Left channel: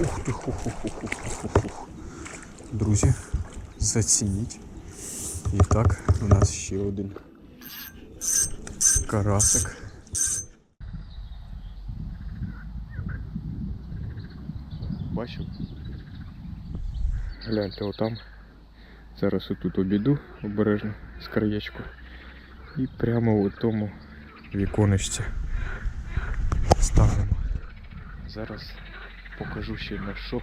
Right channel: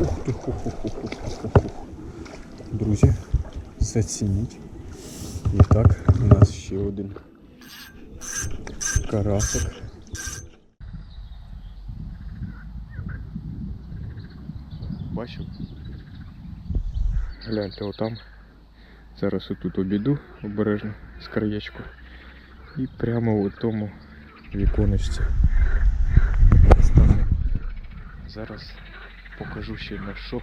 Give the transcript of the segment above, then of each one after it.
Ух ти, ху-ху-ху-ху-ху-ху. Друзі, зацініть. І так, у нас ще один карасик. Бачив? Гляньте, отам. Зараз отут обійду обережно з краєчку. І прямо у тому віконечці станемо. Зараз покажу ще на що.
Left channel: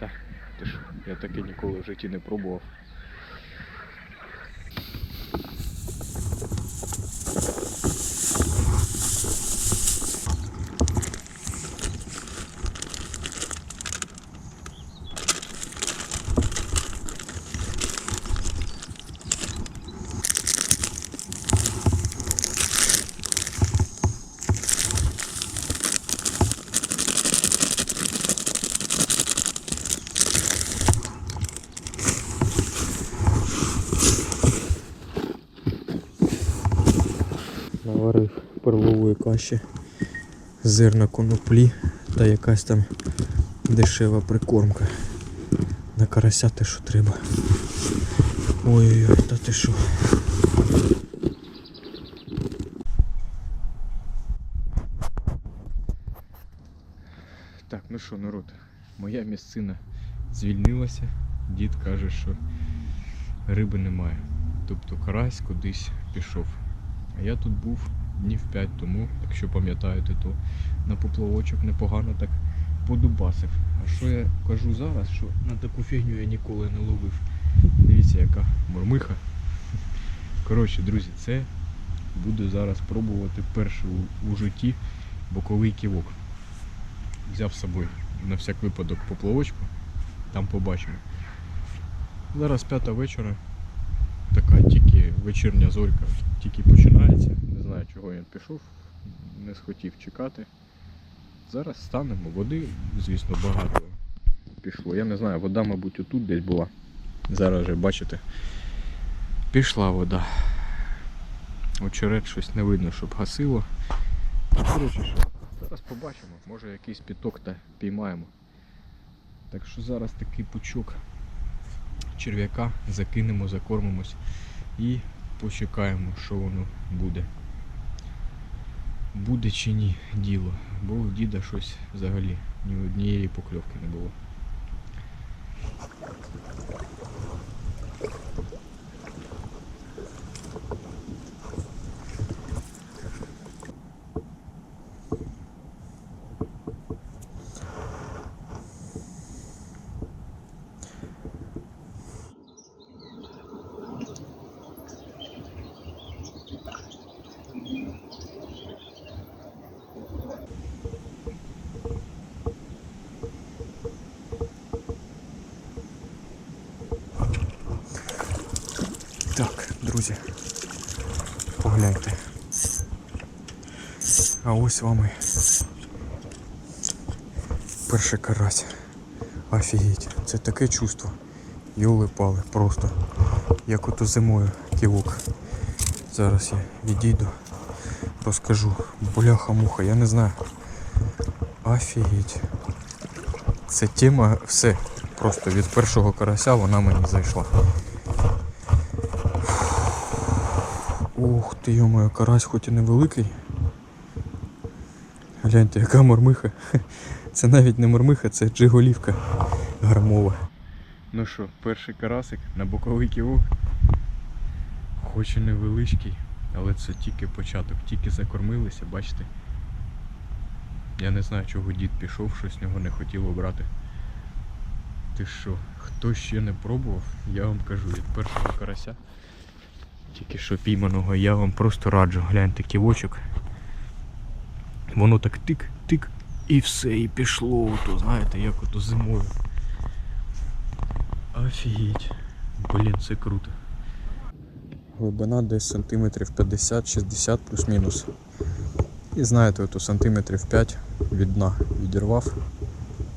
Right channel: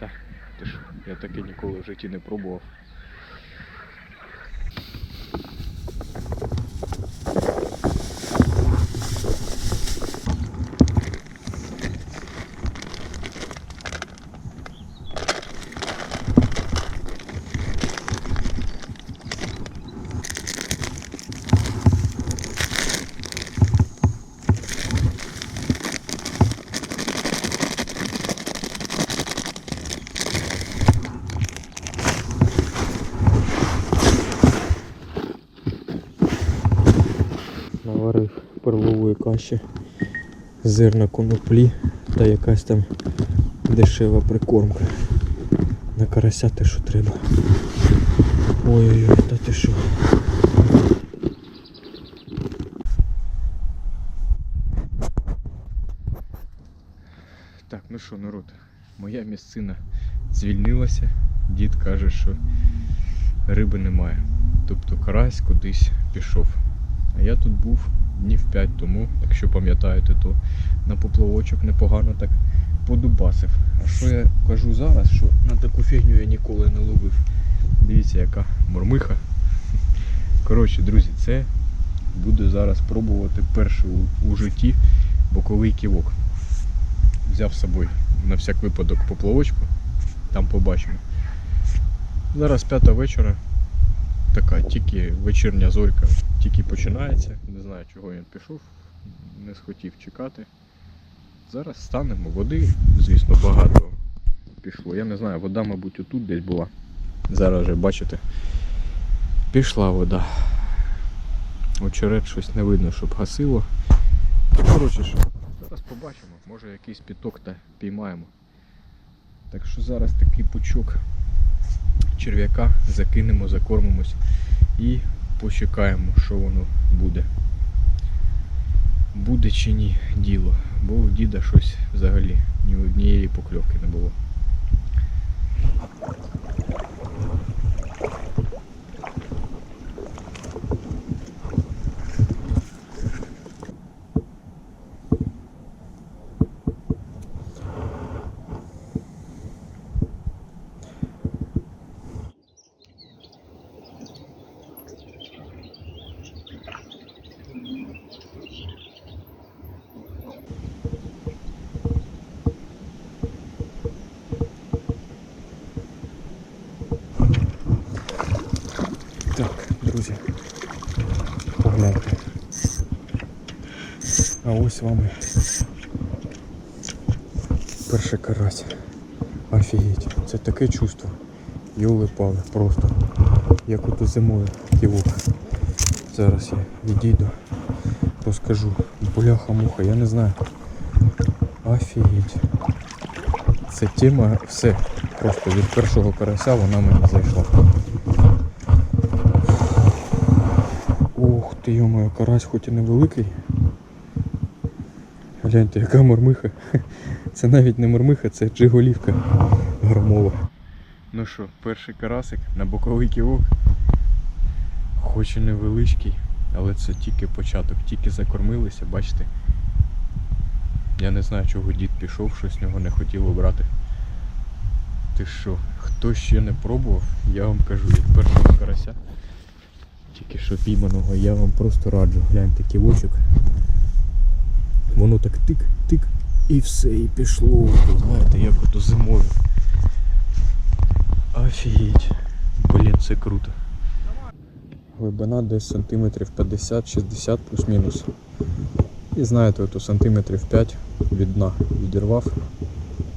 Та, ти ж, я таке ніколи в житті не пробував. Наварив перлової каші, зерна коноплі та якась там дешева прикормка. На карася те, що треба. Ой-ой-ой, та ти що. Так, ну що, народ, моя місцина звільнилася. Дід каже, що риби немає. Тобто карась кудись пішов. А я тут був днів 5 тому, якщо пам'ятаєте, то на поплавочок непогано так подубасив. А що я кажу зараз, що на таку фігню я ніколи не ловив. Дивіться, яка мормиха. Коротше, друзі, це буду зараз пробувати перший у, у житті боковий ківок. Взяв з собою на всяк випадок поплавочку, там побачимо. Зараз п'ята вечора така тільки вечірня зорька тільки починається. Не знаю, чого він пішов, не схотів чекати. Зараз станемо. Води, звісно, багато пішло. Я не знаю, вода, мабуть, отут десь була. Зараз вже бачите. Пішла вода. Очерет щось не видно, щоб гасило. Ну, коротше що, зараз побачимо, може якийсь піток та піймаємо. Так що зараз такий пучок черв'яка закинемо, закормимось і почекаємо, що воно буде. Буде чи ні діло, бо у діда щось взагалі ні однієї покльовки не було. Так, друзі, погляньте. А ось вам і перший карась. Офігеть, це таке чувство. Йоли пали просто. Як ото зимою ківок. Зараз я відійду, розкажу. Бляха-муха, я не знаю. Офігеть. Це тема все. Просто від першого карася вона мені зайшла. Ух ти, йомаю, карась хоч і невеликий. Гляньте, яка мормиха. Це навіть не мормиха, це джиголівка грамова. Ну що, перший карасик на боковий ківок. Хоч і невеличкий, але це тільки початок, тільки закормилися, бачите. Я не знаю, чого дід пішов, щось нього не хотіло брати. Ти що, хто ще не пробував, я вам кажу, від першого карася тільки що пійманого, я вам просто раджу. Гляньте ківочок. Воно так тик-тик і все, і пішло. Ото, знаєте, як ото зимою. Офігеть. Блін, це круто. Глибина десь сантиметрів 50-60 плюс-мінус. І знаєте, ото сантиметрів 5 від дна відірвав.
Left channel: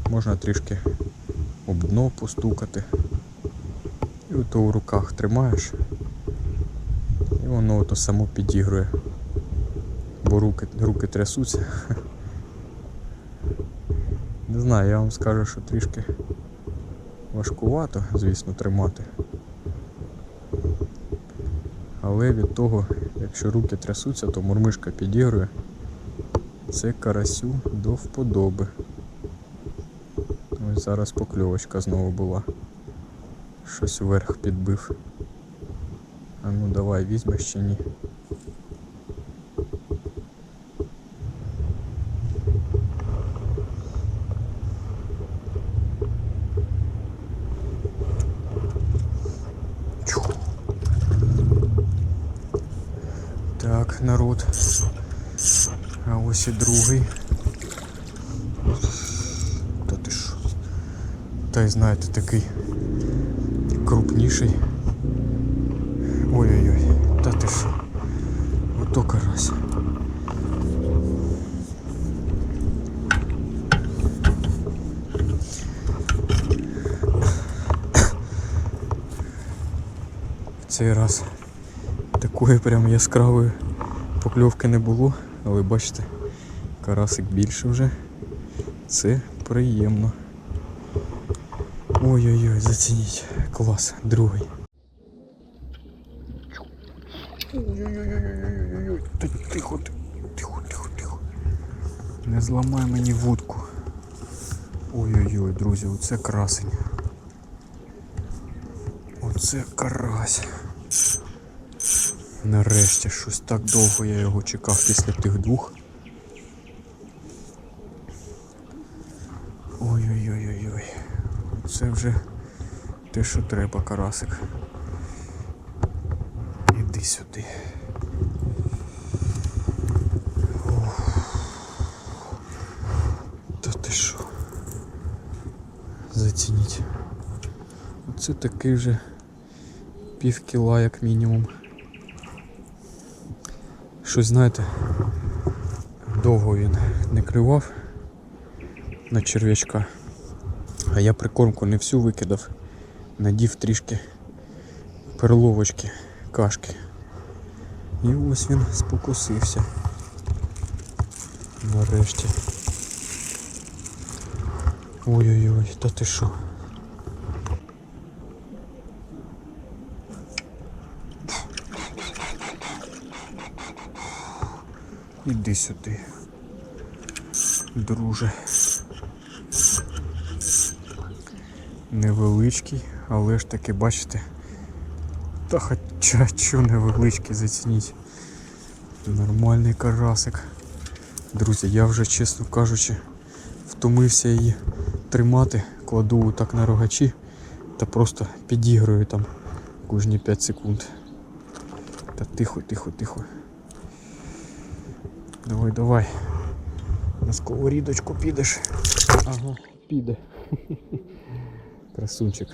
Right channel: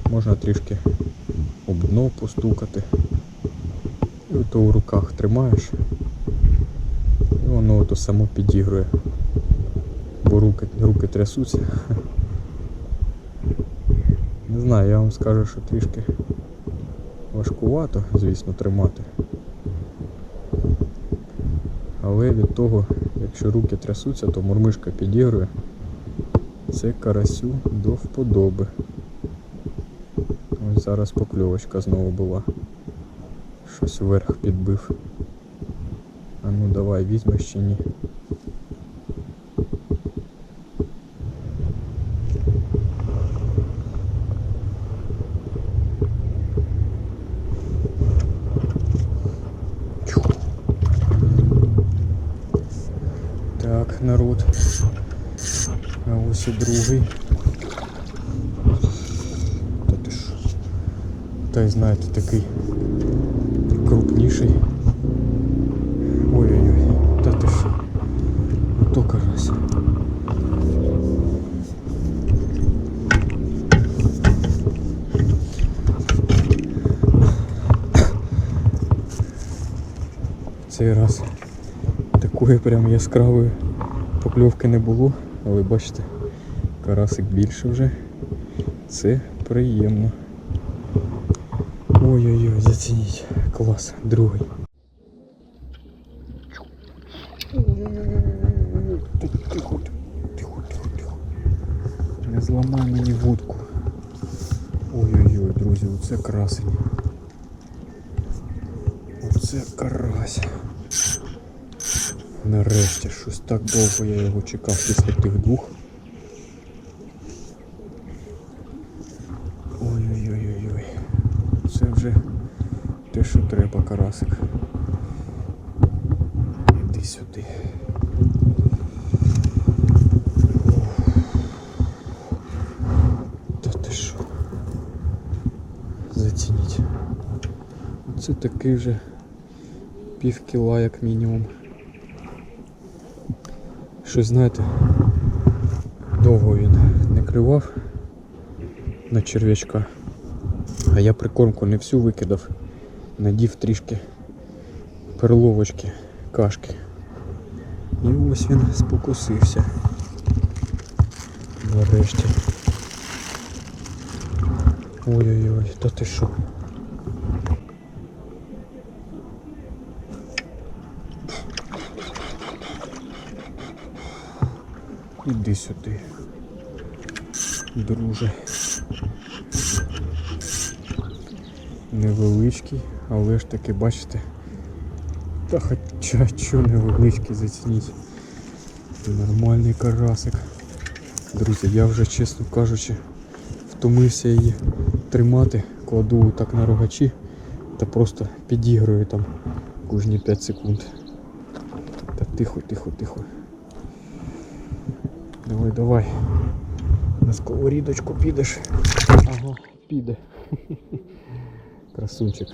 Можна трішки об дно постукати. І ото у руках тримаєш. І воно ото само підігрує. Бо руки, руки трясуться. Не знаю, я вам скажу, що трішки важкувато, звісно, тримати. Але від того, якщо руки трясуться, то мурмишка підігрує. Це карасю до вподоби. Ось зараз покльовочка знову була. Щось вверх підбив. А ну давай, візьмеш чи ні. Чу. Так, народ. А ось і другий. Та ти що? Та й знаєте, такий крупніший. Ой-ой-ой, та ти що? Ото карась. В цей раз такої прям яскравої покльовки не було, але бачите, карасик більше вже. Це приємно. Ой-ой-ой, зацініть. Клас, другий. Ой-ой-ой-ой-ой-ой. Та Тихо, тихо, тихо, тихо. Не зламай мені вудку. Ой-ой-ой, друзі, оце красень. Оце карась. Нарешті щось так довго я його чекав після тих двох. Ой-ой-ой-ой-ой. Це вже те, що треба, карасик. Іди сюди. Ух. Та ти що? Зацініть. Оце такий вже пів кіла як мінімум. Щось знаєте, довго він не клював на черв'ячка. А я прикормку не всю викидав, надів трішки перловочки, кашки. І ось він спокусився. Нарешті. Ой-ой-ой, та ти що? Іди сюди, друже. Невеличкий, але ж таки, бачите. Та хоча що невеличкий, зацініть. Нормальний карасик. Друзі, я вже, чесно кажучи, втомився її тримати, кладу так на рогачі та просто підігрую там кожні 5 секунд. Та тихо, тихо, тихо. Давай, давай. На сковорідочку підеш. Ага, піде. Красунчик.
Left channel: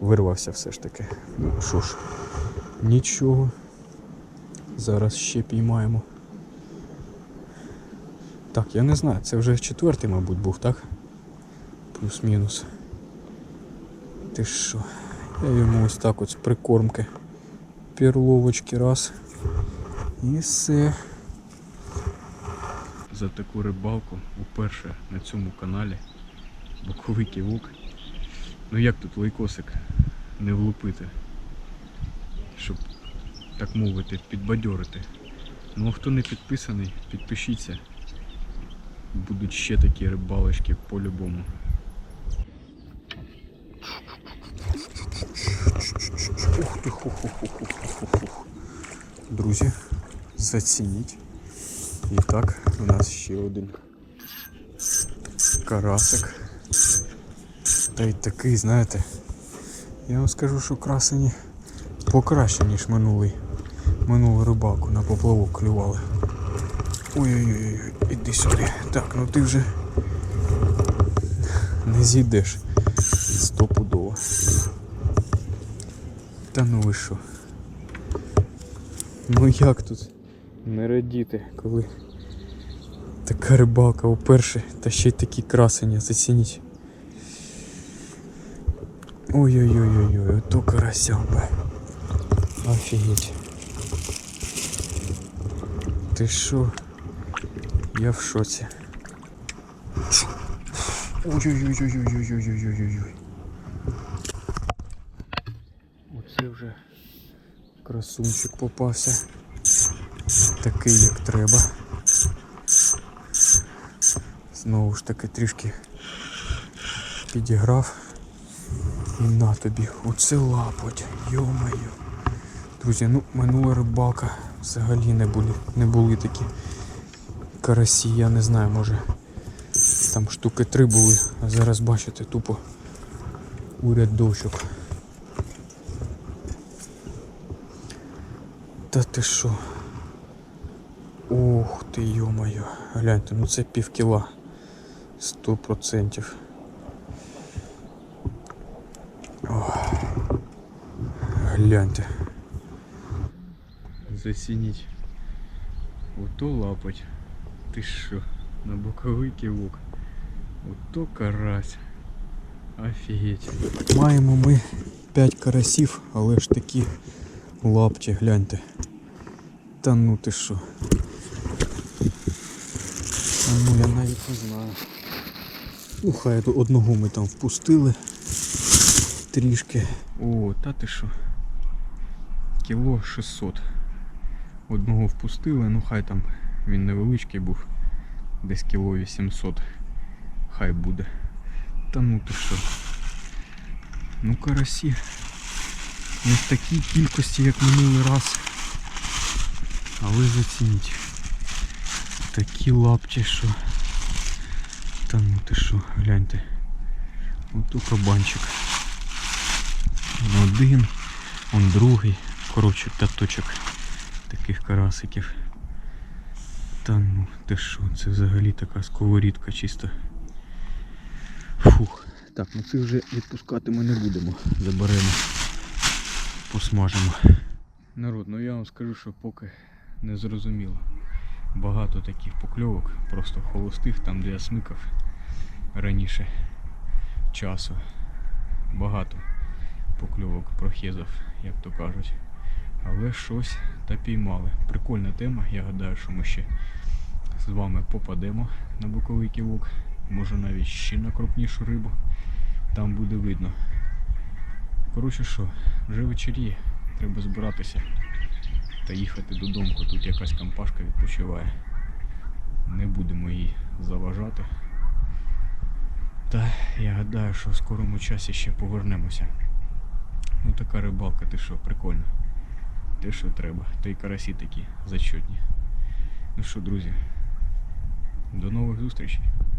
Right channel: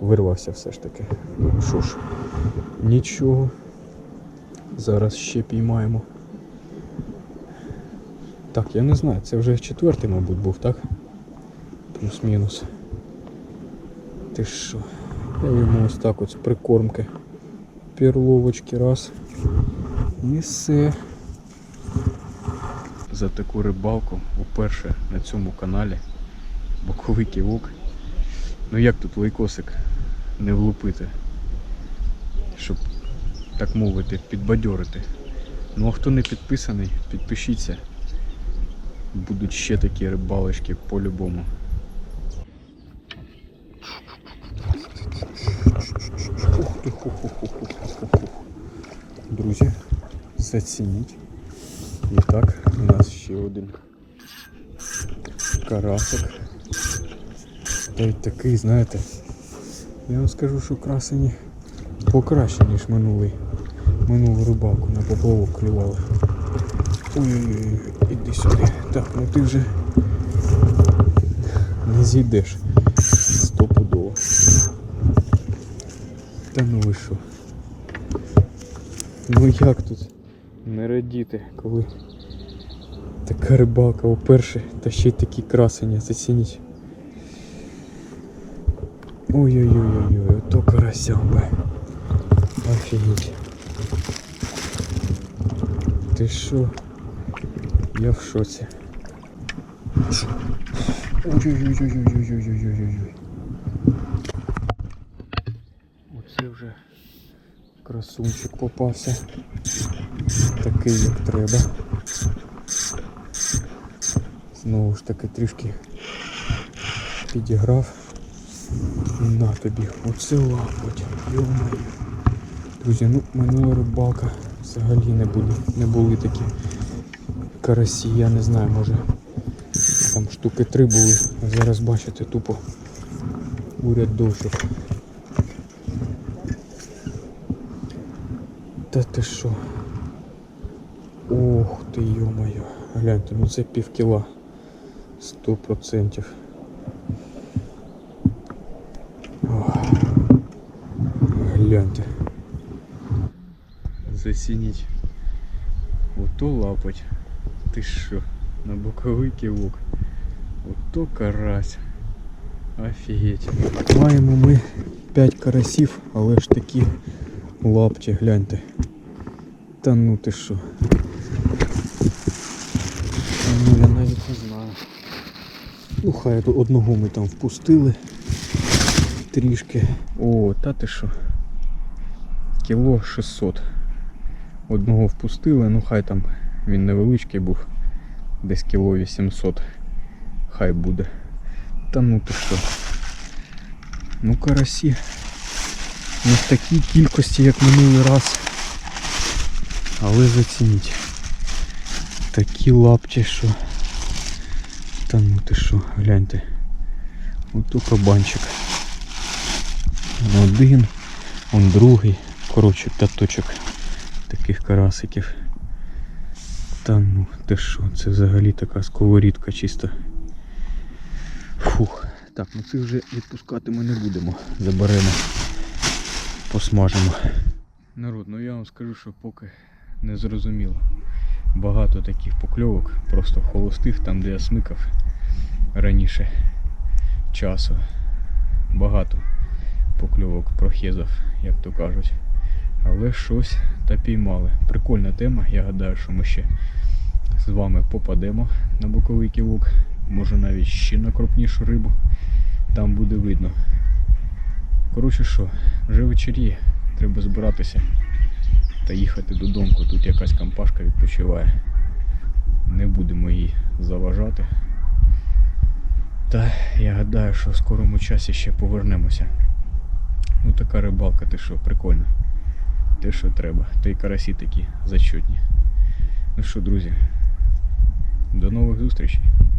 Вирвався все ж таки. Ну що ж, нічого. Зараз ще піймаємо. Так, я не знаю, це вже четвертий, мабуть, був, так? Плюс-мінус. Ти що? Я йому ось так з прикормки. Перловочки раз. І все. За таку рибалку уперше на цьому каналі. Боковий ківок. Ну як тут лайкосик не влупити, щоб так мовити, підбадьорити. Ну а хто не підписаний, підпишіться. Будуть ще такі рибалочки по-любому. Ух ти, ху ху ху ху ху ху Друзі, зацініть. І так, у нас ще один карасик. Та й такий, знаєте, я вам скажу, що красені покраще, ніж минулий. Минулу рибалку на поплавок клювали. Ой-ой-ой, іди сюди. Так, ну ти вже не зійдеш стопудово. Та ну ви що? Ну як тут не радіти, коли така рибалка уперше, та ще й такі красені, зацініть. Ой-ой-ой-ой-ой, ото карасям би. Офігеть. Ти що? Я в шоці. Ой-ой-ой-ой-ой-ой-ой-ой-ой. Оце вже красунчик попався. Такий, як треба. Знову ж таки трішки підіграв. І на тобі, оце лапоть, йо-моє. Друзі, ну минула рибалка взагалі не були, не були такі карасі, я не знаю, може там штуки три були, а зараз бачите тупо уряд дощок. Та ти що? Ох ти йо-моє, гляньте, ну це пів кіла. Сто процентів. Гляньте. Засініть. Ото лапоть. Ти що? На боковий кивок. Ото карась. Офігеть. Маємо ми 5 карасів, але ж такі лапті, гляньте. Та ну ти що? Та ну я навіть не знаю. Ну хай то одного ми там впустили. Трішки. О, та ти що? Кіло 600. Одного впустили, ну хай там він невеличкий був. Десь кіло 800. Хай буде. Та ну ти що? Ну карасі. Не в такій кількості, як минулий раз. Але зацініть. Такі лапті, що. Та ну ти що, гляньте. Ото кабанчик. Один, он другий. Коротше, п'яточок таких карасиків. Та ну, ти що, це взагалі така сковорідка чисто. Фух. Так, ну цих вже відпускати ми не будемо. Заберемо. Посмажемо. Народ, ну я вам скажу, що поки не зрозуміло. Багато таких покльовок, просто холостих, там де я смикав раніше часу. Багато покльовок прохезав, як то кажуть. Але щось та піймали. Прикольна тема. Я гадаю, що ми ще з вами попадемо на боковий ківок. Може навіть ще на крупнішу рибу. Там буде видно. Коротше що, вже вечеріє, треба збиратися та їхати додому. Тут якась компашка відпочиває. Не будемо їй заважати. Та я гадаю, що в скорому часі ще повернемося. Ну така рибалка, ти що, прикольно. Те, що треба. Та й карасі такі зачетні. Ну що, друзі, до нових зустрічей.